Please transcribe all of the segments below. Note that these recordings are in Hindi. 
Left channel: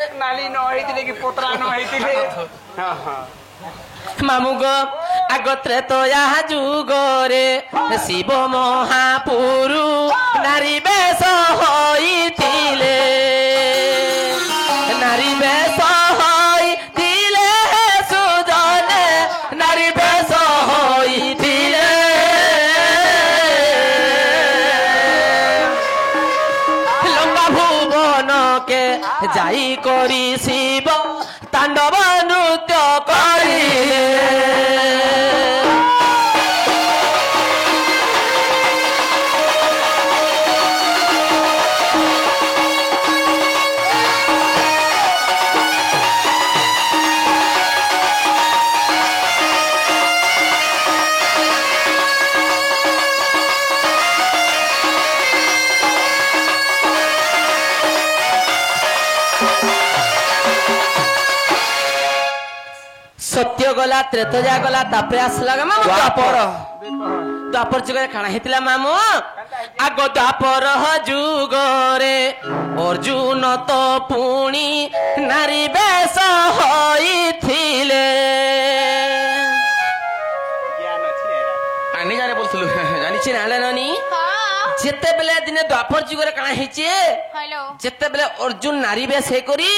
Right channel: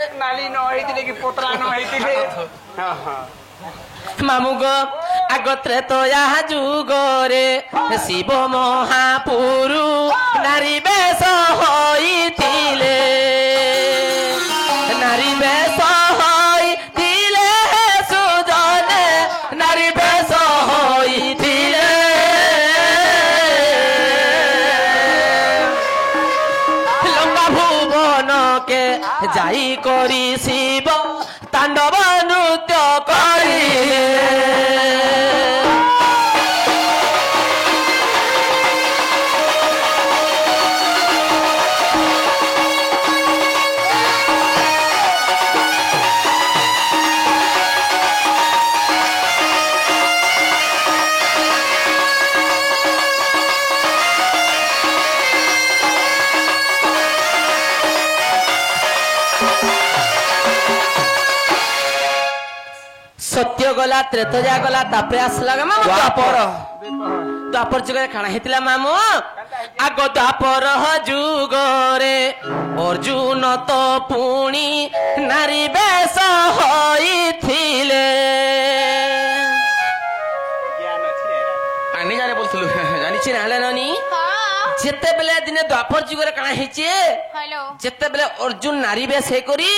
नाली न होइतिले कि पोतरा न होइतिले हां हां मामू गो आगत्रे तो या जुगरे शिव महापुरु नारी बेश होइतिले नारी बेश होइतिले सुजने नारी बेश होइतिले लंका भुवन के जाई करी शिव तांडव नृत्य करिले सत्य गला त्रेतया गला तापरे आसला मामू द्वापर द्वापर जुगरे खाना हेतिला मामू आगो द्वापर जुगरे अर्जुन तो पुणी नारी बेश होइथिले ज्ञान अछि आनी जाने बोलथलु जानि छि नाले ननी जेते बेले दिने द्वापर जुगरे काना हेचे हेलो जेते बेले अर्जुन नारी बेश हे करी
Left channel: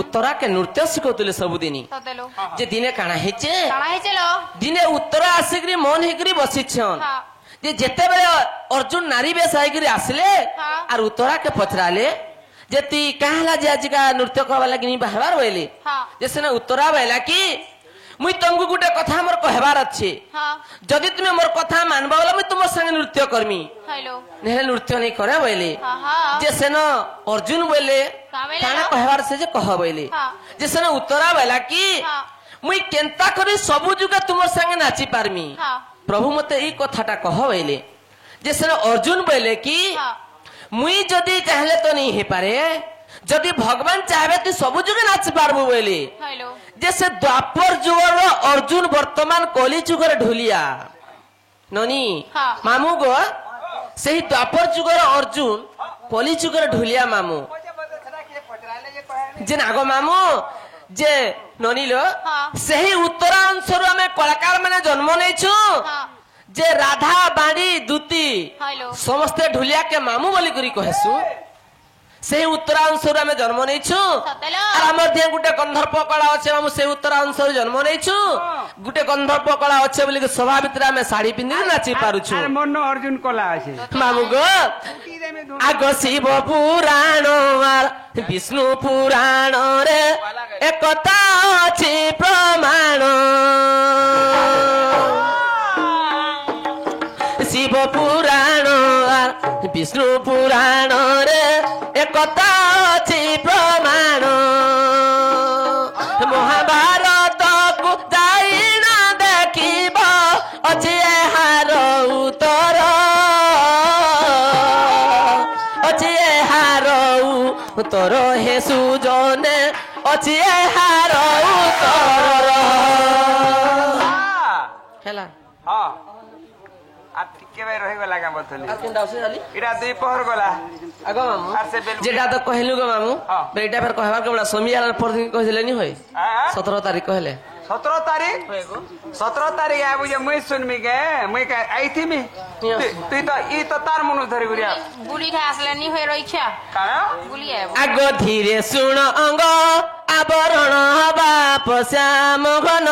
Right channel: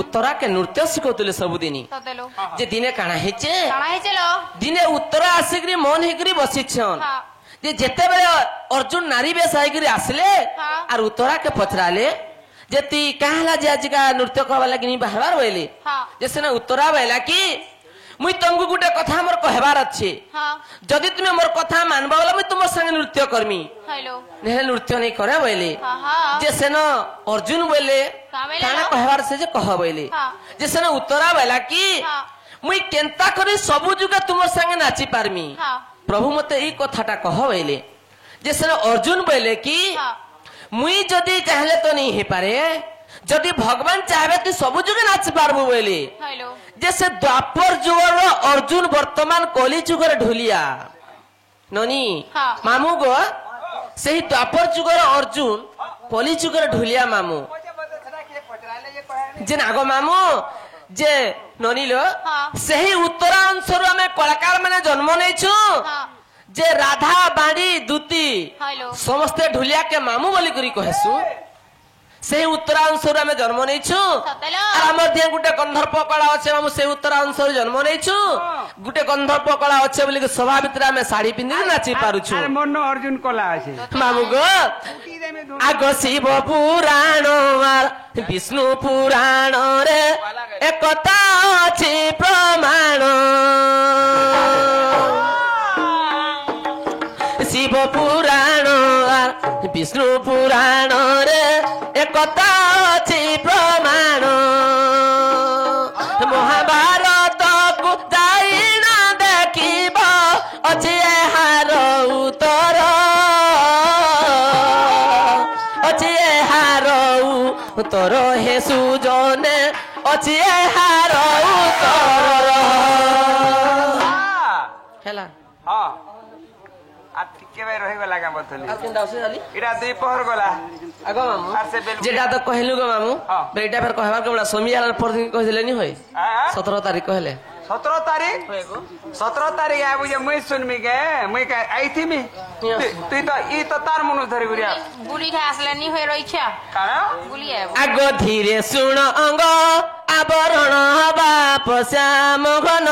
उत्तरा के नृत्य सिखौतले सब दिनी जे दिने काना हेचे दिने उत्तरा आसिकरी मन हेकरी बसिछन जे जेते बेले अर्जुन नारी बेश आइकरी आसले आर उत्तरा के पछराले जेती कहला जे आज का नृत्य करबा लागि नि बाहर होइले जे सेना उत्तरा बैला की मुई तंगु गुटे कथा मोर कहबार अछि जदि तुमे मोर कथा मानबा बोला मुई तुमर संगे नृत्य करमी हेलो नेहे नृत्य नहीं करे बोले जे सेना अर्जुन बोले काना कहबार से जे कह बोले जे सेना उत्तरा बोला की मुई केनता करी सबु जुगा तुमर संगे नाची पारमी प्रभु मते ई कथाटा कह बोले जे सेना अर्जुन बोले की मुई जदि चाहले तो नहीं हे पारे जदि भगवान चाहे तू सबु जुगे नाच पारबो बोले जैसे द्वापर जुगर अर्जुन वर्तमान कली जुगर ढुलिया ननी मामू गो से द्वापर जुगर अर्जुन कली जुगर ढुलिया मामू जे नागो मामू जे ननी लो से उत्तरांशर आम कलाकार मैंने जन्म नहीं जे राधा बाणी दूती समस्ते ढुलिया के मामू बोली करी कहसु से उत्तरांशर आम जन्म नहीं गुटे गंधर्प कला अच्छे मामू से उत्तरांशर जन्म नहीं गुटे गंधर्प कला अच्छे बोली सभा भितर आम शाढ़ी पिंधि नाची पारुछु मन अर्जुन कला अछि मामू गो आग शिव पुराण विष्णु पुराण रे एकता अछि प्रमाण शिव पुराण विष्णु पुराण रे एकता अछि प्रमाण महाभारत को जाई ना देखिब अछि एहार उत्तर अछि एहार उत्तर हे सुजने अछि एहार उत्तर हेला हां आ ठीके भाई रहि गला का बतली आ केन दाउसे जाली इरा दुई पहर गला आगो मामू आर से जेटा तो कहलु गो मामू बेटा फेर कहबार के बड़ा सोमियार पर दिन कह दिले नी होय 17 तारीख कहले 17 तारीख 17 तारीख आबु जे मैं सुनमी के मैं का आई थी मी तू तो ई तो तार मनु धरि गुरिया गुली खा असले नी होय रही छा काना गुली आबो आगो धीरे सुन अंग आवरण बाप श्याम घन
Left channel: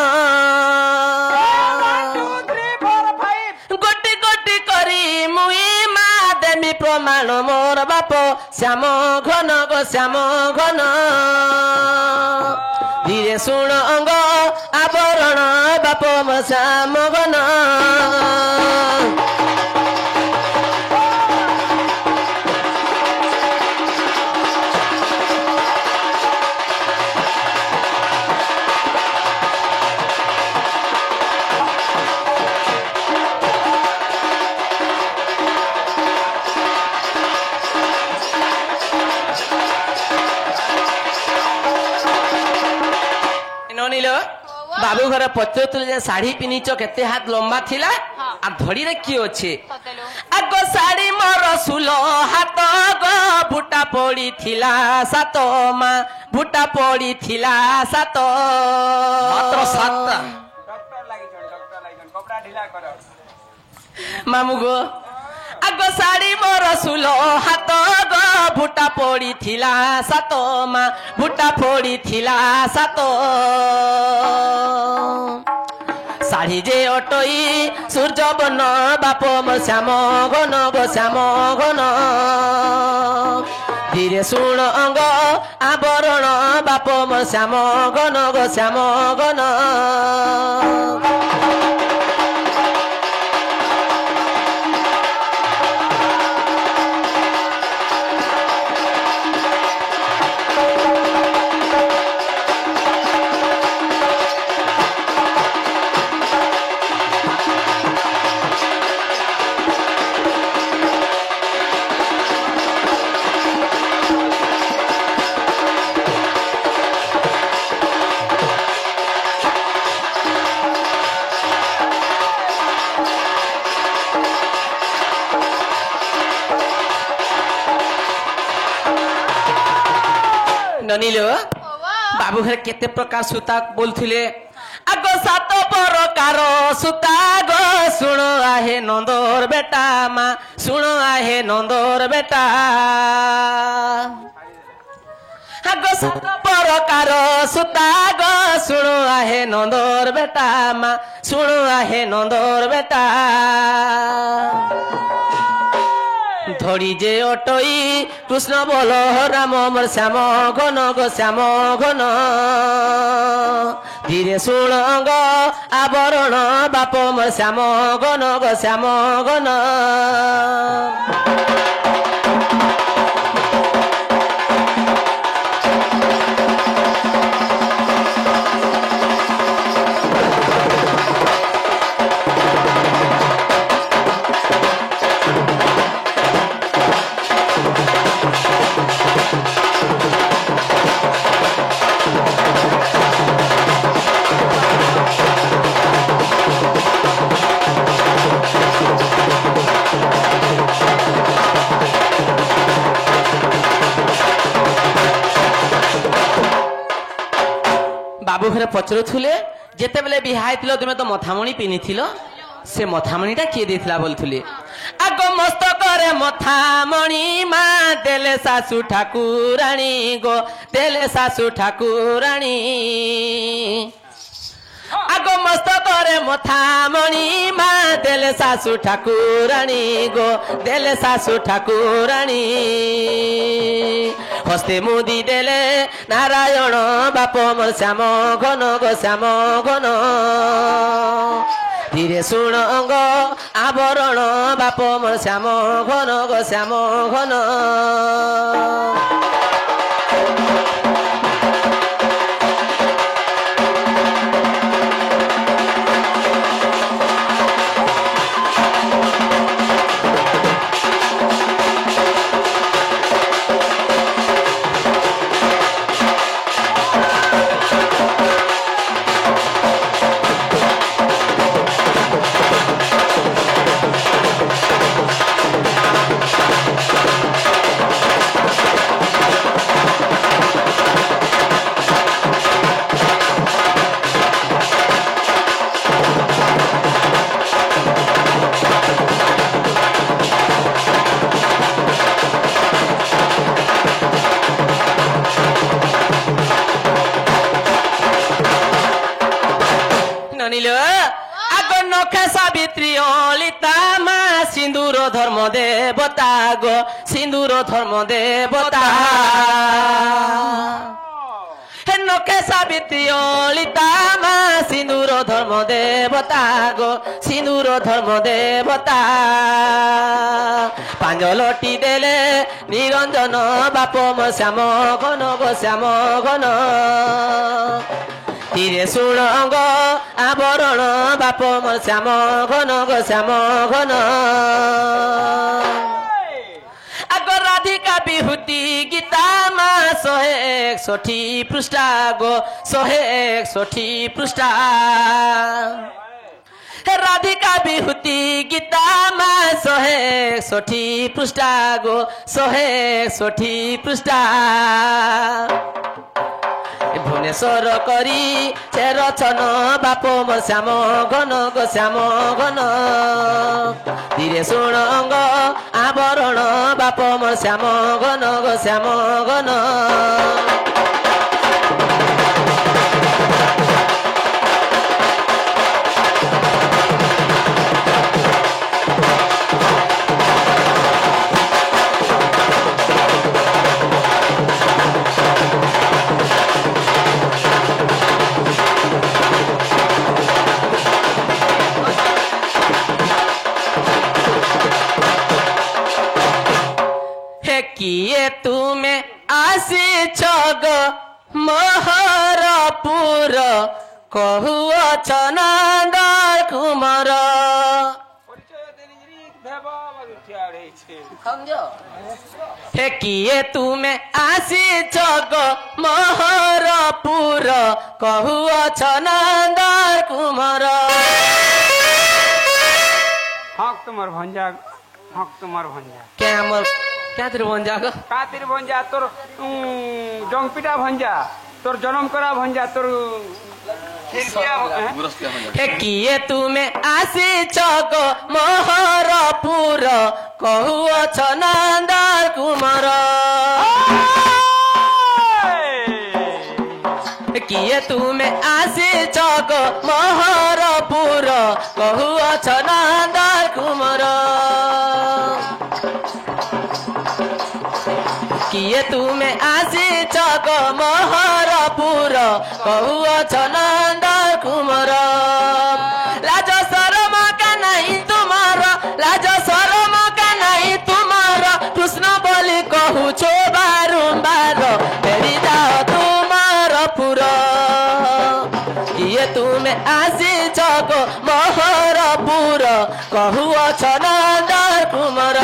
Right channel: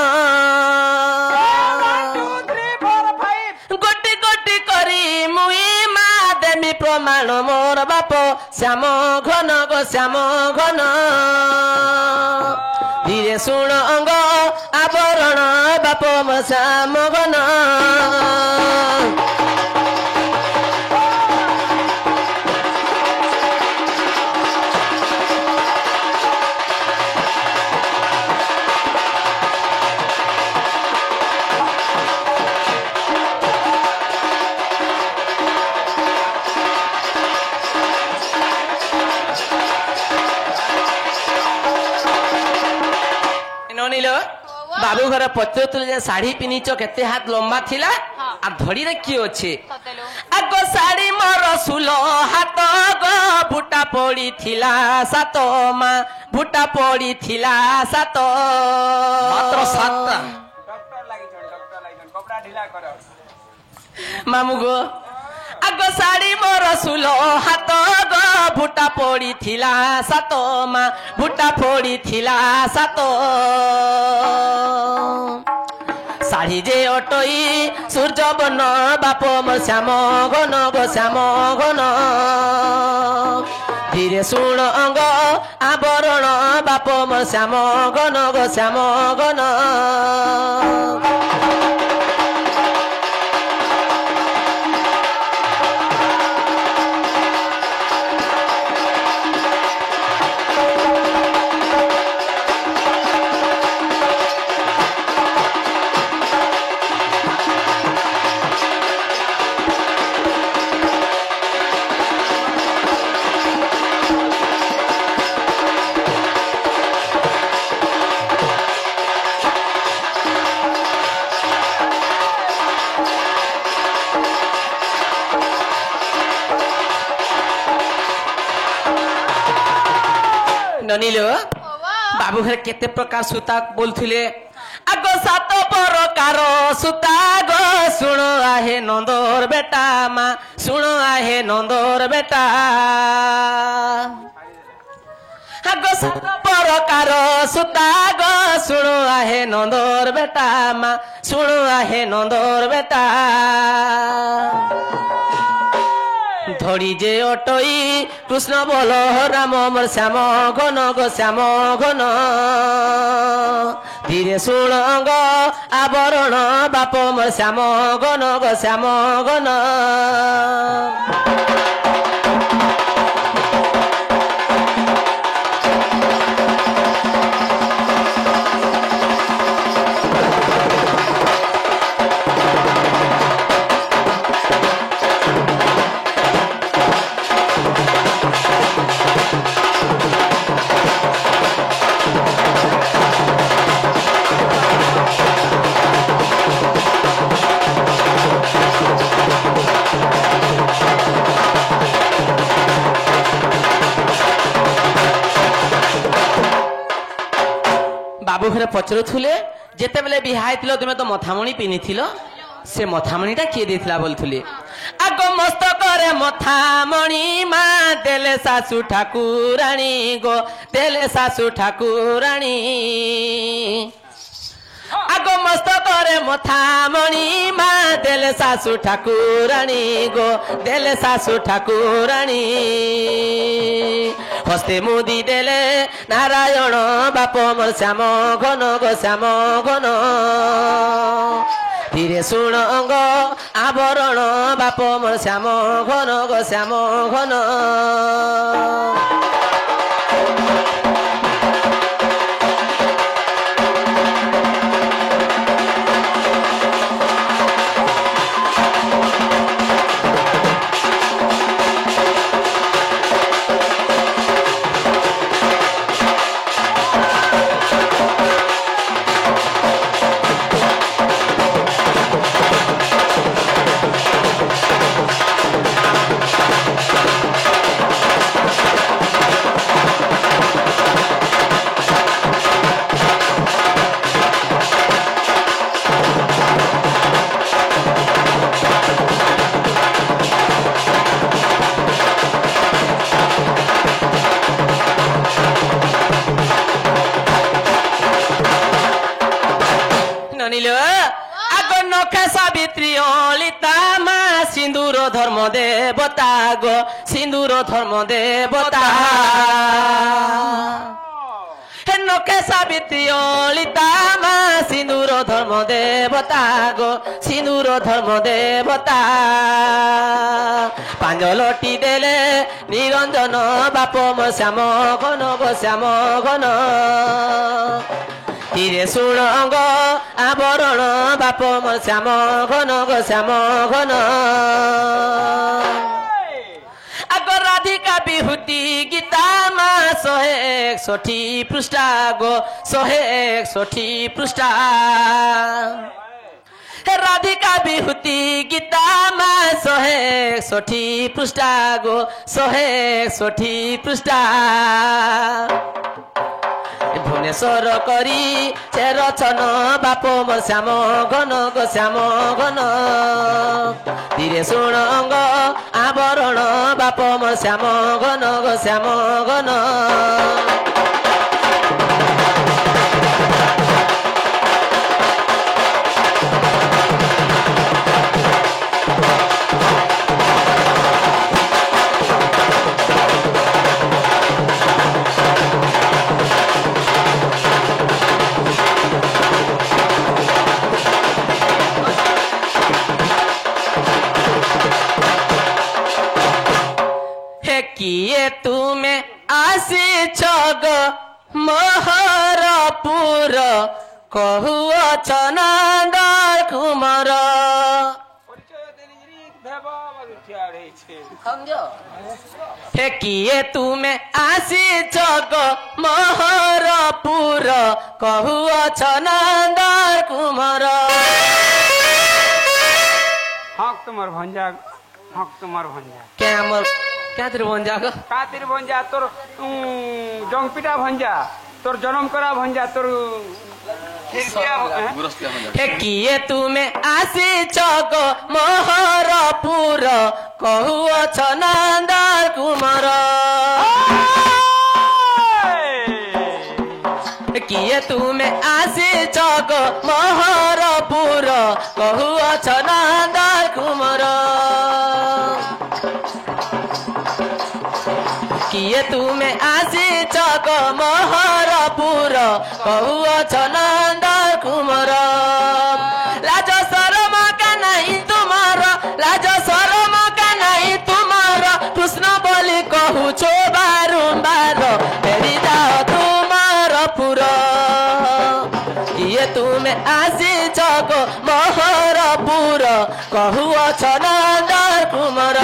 गोटी गोटी करी मुई मा देमी प्रमाण मोर बाप श्याम घन गो श्याम घन धीरे सुन अंग आवरण बाप श्याम घन बाबू घर पचर शाढ़ी पिनिच केते हाथ लंबा थिला आ धड़ी रे की अच्छे आगो शाढ़ी मोर सुलो हाथ गो भुटा पड़ी थिला सात माँ भुटा पड़ी थिला सात मात्र 7 डॉक्टर लागि कपड़ा ढिला करो मामू गो आगो साड़ी मोर सुलो हाथ गो भुटा पड़ी थिला सात माँ भुटा पड़ी थिला सात शाढ़ी जे अटई सूर्य बन बाप मोर श्याम घन गो श्याम घन धीरे शुण अंग आवरण बाप मोर श्याम घन गो श्याम घन ननीलो बाबू घर केते प्रकार सूता बोलथिले आगो सात प्रकार सूता गो सुनो आहे नंदोर बेटा माँ सुनो आहे नंदोर बेटा आगो सात प्रकार सूता गो सुनो आहे नंदोर बेटा माँ सुनो आहे नंदोर बेटा धड़ी जे अटई कृष्ण बोल राम मोर श्याम घन गो श्याम घन धीरे शुण अंग आवरण बाप मोर श्याम घन गो श्याम घन बाबू घरे पचरुले जेते बेले बिहाई थिलो तुमे तो मथामणी पिनिथिलो से मथामणीटा किए देथिला बोलथुले आगो मस्तक रे मथामणी माँ देले सासु ठाकुराणी गो देले सासु ठाकुराणी आगो मस्तक रे मथामणी माँ देले सासु ठाकुराणी गो देले सासु ठाकुराणी हस्ते मुदी देले नारायण बाप मोर श्याम घन गो श्याम घन धीरे शुण अंग आवरण बाप मोर श्याम घन गो श्याम घन सावित्री ललिता माँ सिंदूर धर्म देवता गो सिंदूर धर्म देवता नखे सावित्री ललिता माँ सिंदूर धर्म देवता गो सिंदूर धर्म देवता पांजलटी देले निरंजन बाप मो श्याम घन गो श्याम घन धीरे शुण अंग आवरण बाप मोर श्याम घन गो श्याम घन आग राधिका विभूति गीता माँ 161 पृष्ठा गो 161 पृष्ठा राधिका बिहुती गीता मा 161 पृष्ठा गो 161 पृष्ठा भुवनेश्वर करी से रचन बाप मोर श्याम घन गो श्याम घन धीरे सुणंग आवरण बाप मोर श्याम घन गो श्याम घन किए तुमे आसी छग महरपुर कहुअछ नंदर कुमार हे किए तुमे आसी छग महरपुर कहुअछ नंदर कुमार हक तुम्हार भंजा हक तुम्हार भंजा क्या मोर क्या तेरे भंजा को का तेरे भंजा तोर जंगपिटा भंजा तोर जन्म करा भंजा तोर हे किए तुमे आसी छग महरपुर कहुअछ नंदर कुमार किए तुमे आसी छग महरपुर कहुअछ नंदर कुमार किए तुमे आसी छग महरपुर कहुअछ नंदर कुमार लाज शरम का नहीं तुम्हार लाज शरम का नहीं तुम्हार कृष्ण बोली कहू छो बारंबार फेरी जाओ तुमार पुर किए तुमे आसी छग महरपुर कहुअछ नंदर कुमार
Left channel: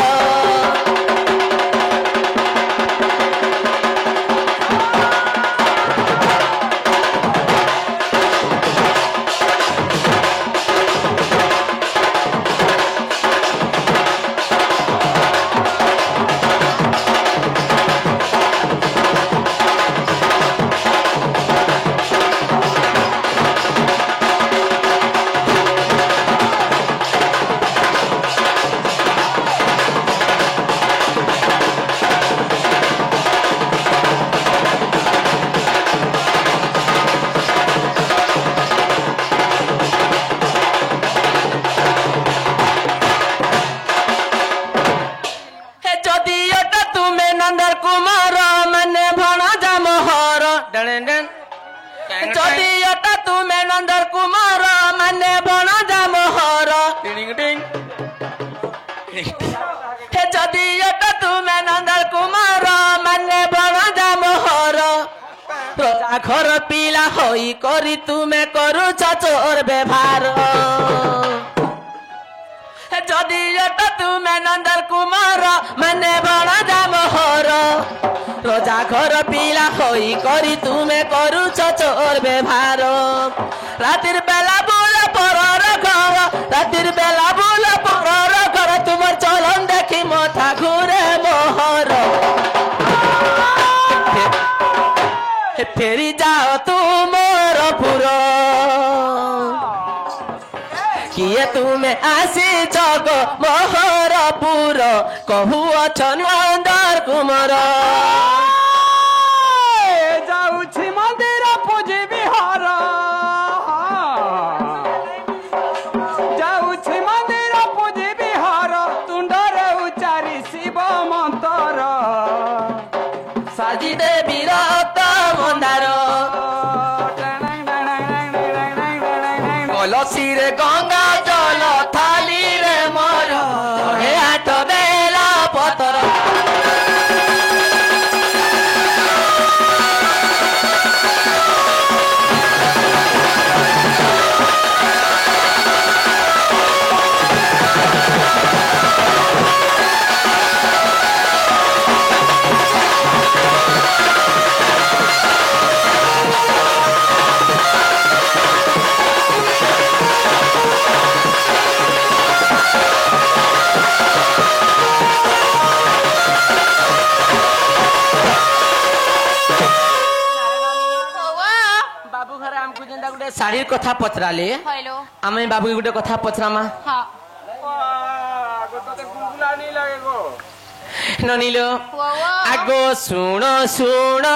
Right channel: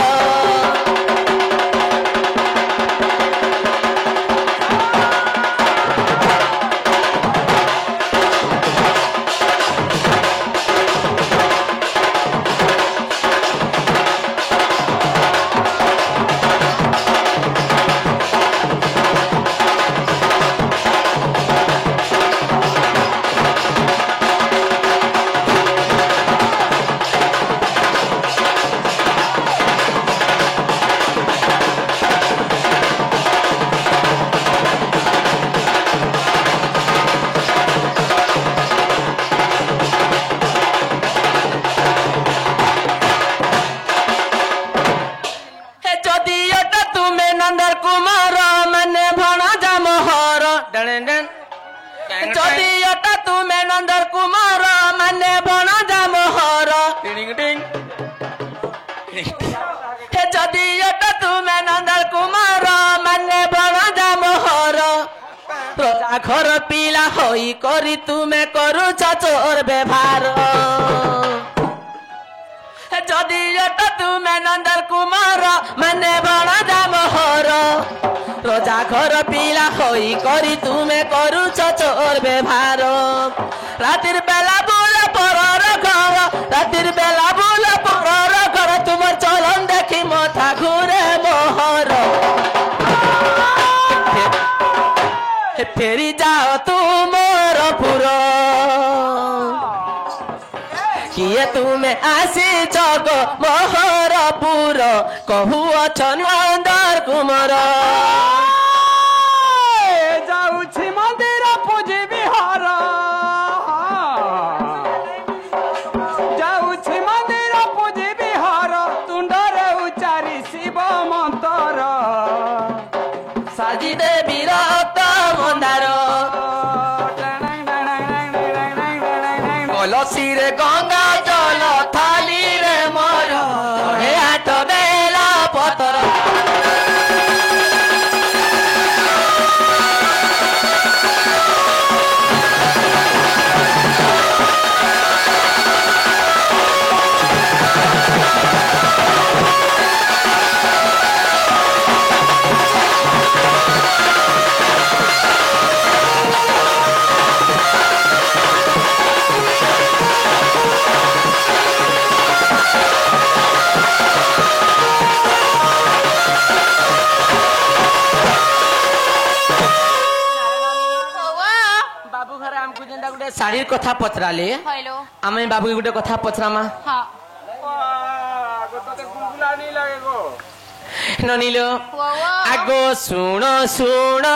जदियोटा तुमे नंदर कुमार माने भणजा मोहर हे जदियोटा तुमे नंदर कुमार माने भणजा मोहर रोजा घर पिला होई करी तुमे करू चोर व्यवहार जदियोटा तुमे नंदर कुमार माने भणजा मोहर रोजा घर पिला होई करी तुमे करू चोर व्यवहार रातिर बेला बोला परर घर रातिर बेला बोला परर घर तुमर चलन देखी माथा घुरे मोहर फेरी जाओ तुमर पुर किए तुमे आसी छग महरपुर कहुअछ नंदर कुमार जाऊछि मंदिर पूजी बिहार जाऊछि मंदिर पूजी बिहार तुंडरे उचारी शिव मंत्र साजी देवी रत मंदार कलसी रे गंगा जल थाली रे मोर हे हाथ बेला पतर बाबू को जेंदा गुटे साड़ी कथा पचराले हेलो आमे बाबू गुटे कथा पचरामा हाँ आगो तो गुलगुला नहीं लगे गो ननीलो वो आगो सुनो सुनो